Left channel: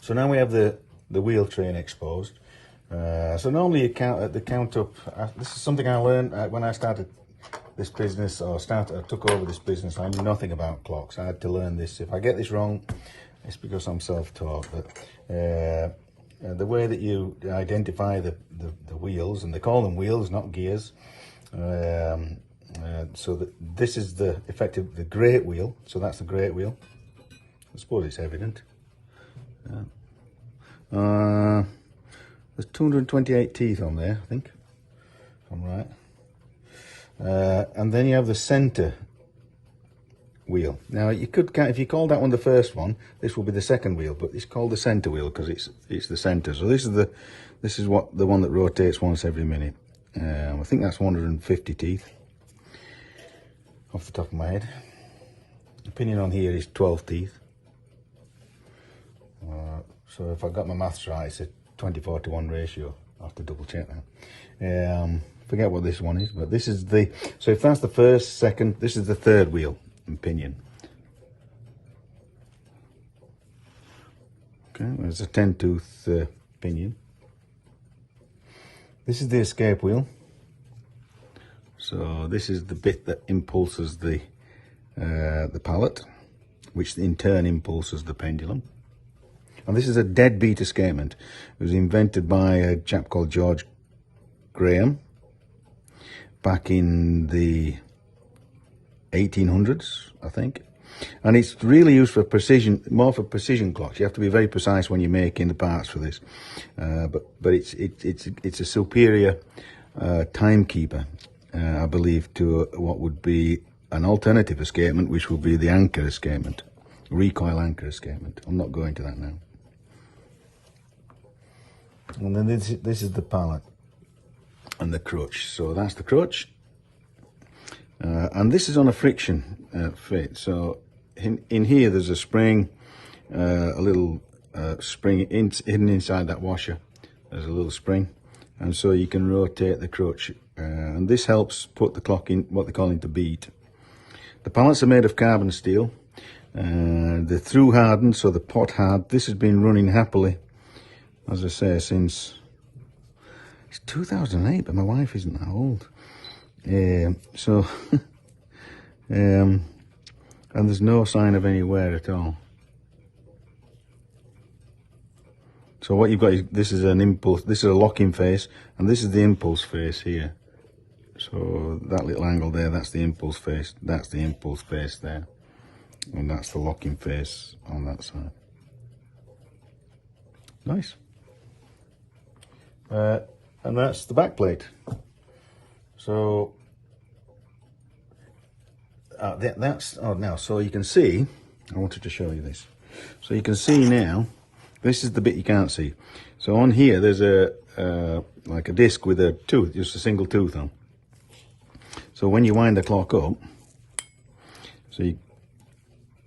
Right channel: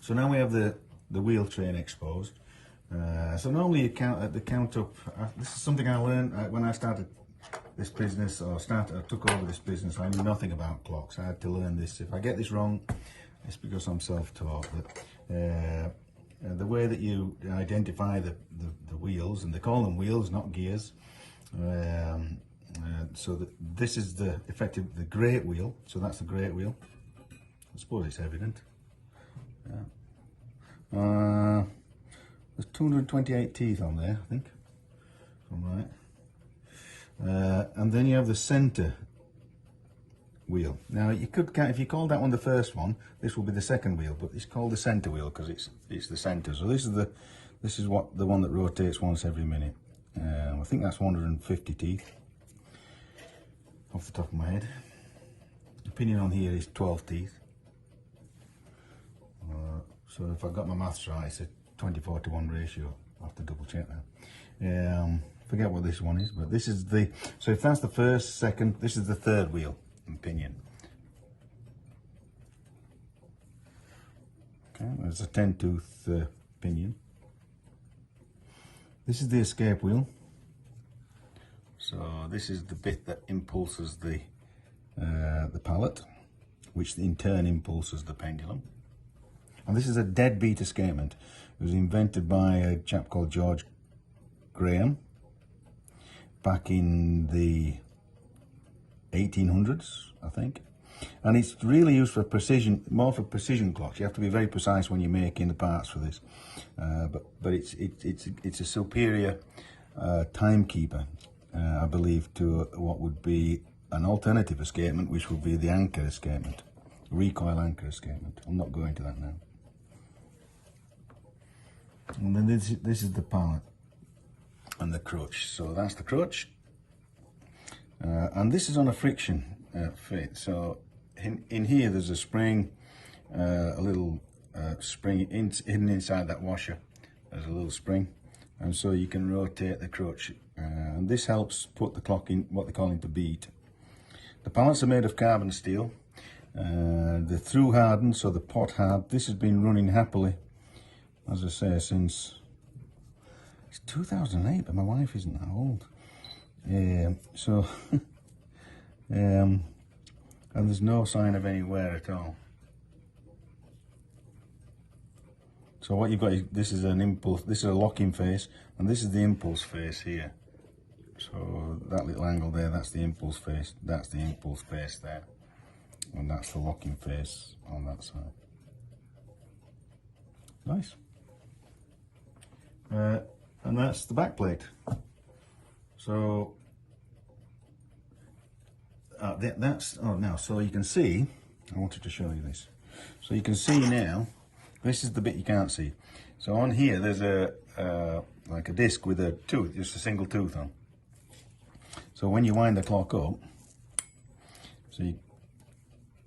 So now we have the wheel train exposed. So normally you count up. This is something I learned when I started this business, or I took over this business. I knew nothing about clocks. I had to learn this. If I get this wrong, it's because I'm self-taught. But the way that you identify the wheels, and they call them wheels, not gears. So that this is the great wheel. So that's the great wheel. I suppose it's evident. There's 228 teeth on there, I think, if I'm right. And then you have the center wheel. Now you could, if you call that one the first one, this will be the second wheel, but it's called the center wheel because it's the center. So this is the one that rotates once every minute. I think that's 150 teeth off the top of my head. The pinion on here is 12 teeth. So if I got my maths right, it's a 24:1 ratio. I'll have to double check that. Forget what this one is, but this is so if that's the first, second, this is the third wheel and pinion. Okay, there's a 10-tooth pinion. This is the escape wheel. So this is the bit that impulses the pallet, which in turn impulses the pendulum. And this is a deadbeat escapement. It was invented by a chap called George Graham back in the 1800s, I think. And it's really used for precision, more for precision clocks. You have to be very precise when you're making the parts for this. But it's a superior timekeeper, I believe, to what would be an alternative escapement, which would be the anchor escapement, recoil anchor escapement. I'm not going to that now. And then this is the pallet and the crutch. So that's the crutch. And this is on a friction fit. So in here there's a spring, a little spring hidden inside that washer. There's a little spring, and so you can rotate the crutch. And this helps put the clock in what they call into beat. The pallets are made of carbon steel. They're through hardened, so the pot hard. This has been running happily, as I say, since it's 2008, but my wife isn't that old. And there's no sign of any wear at all. So what you've got is, this is an impulse, this is a locking face, and this is the impulse face here. So that little angle there, that's the impulse face, that's the impulse face there. And that's the locking face on that side. Nice. And that's the back plate. So so you can see, I wanted to show you this. So you can see now, this is the bit you can't see. So on here there's like a disc with a tooth, just a single tooth on. So when you wind the clock up,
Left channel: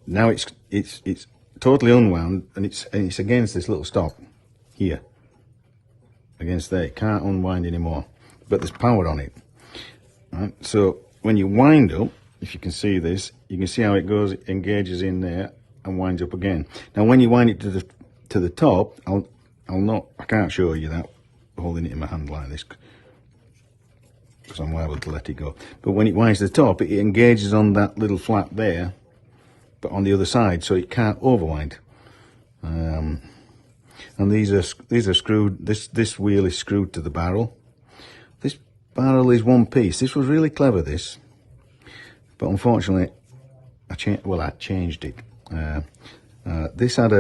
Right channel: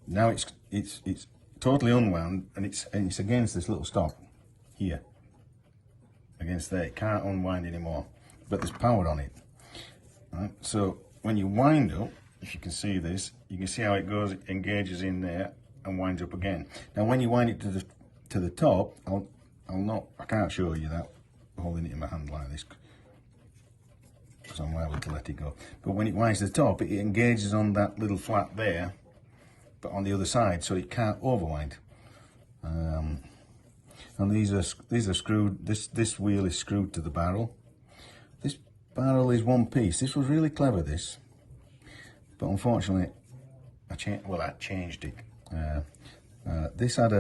now it's totally unwound, and it's against this little stop here. Against there, it can't unwind anymore, but there's power on it. Right? So when you wind up, if you can see this, you can see how it goes, it engages in there and winds up again. Now when you wind it to the top, I can't show you that holding it in my hand like this, because I'm liable to let it go. But when it winds to the top, it engages on that little flap there, but on the other side, so it can't overwind. And these are screwed. This wheel is screwed to the barrel. This barrel is one piece. This was really clever, this, but unfortunately, I changed it. This had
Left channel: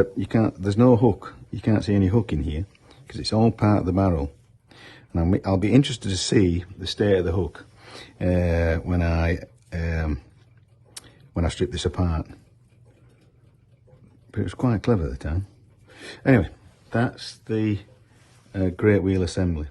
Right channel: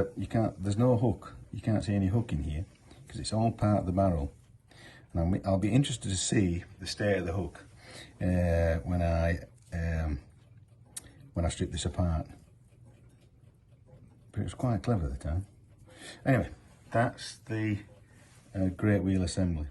there's no hook. You can't see any hook in here because it's all part of the barrel. And I'll be interested to see the state of the hook when I strip this apart. But it was quite clever at the time. Anyway, that's the great wheel assembly.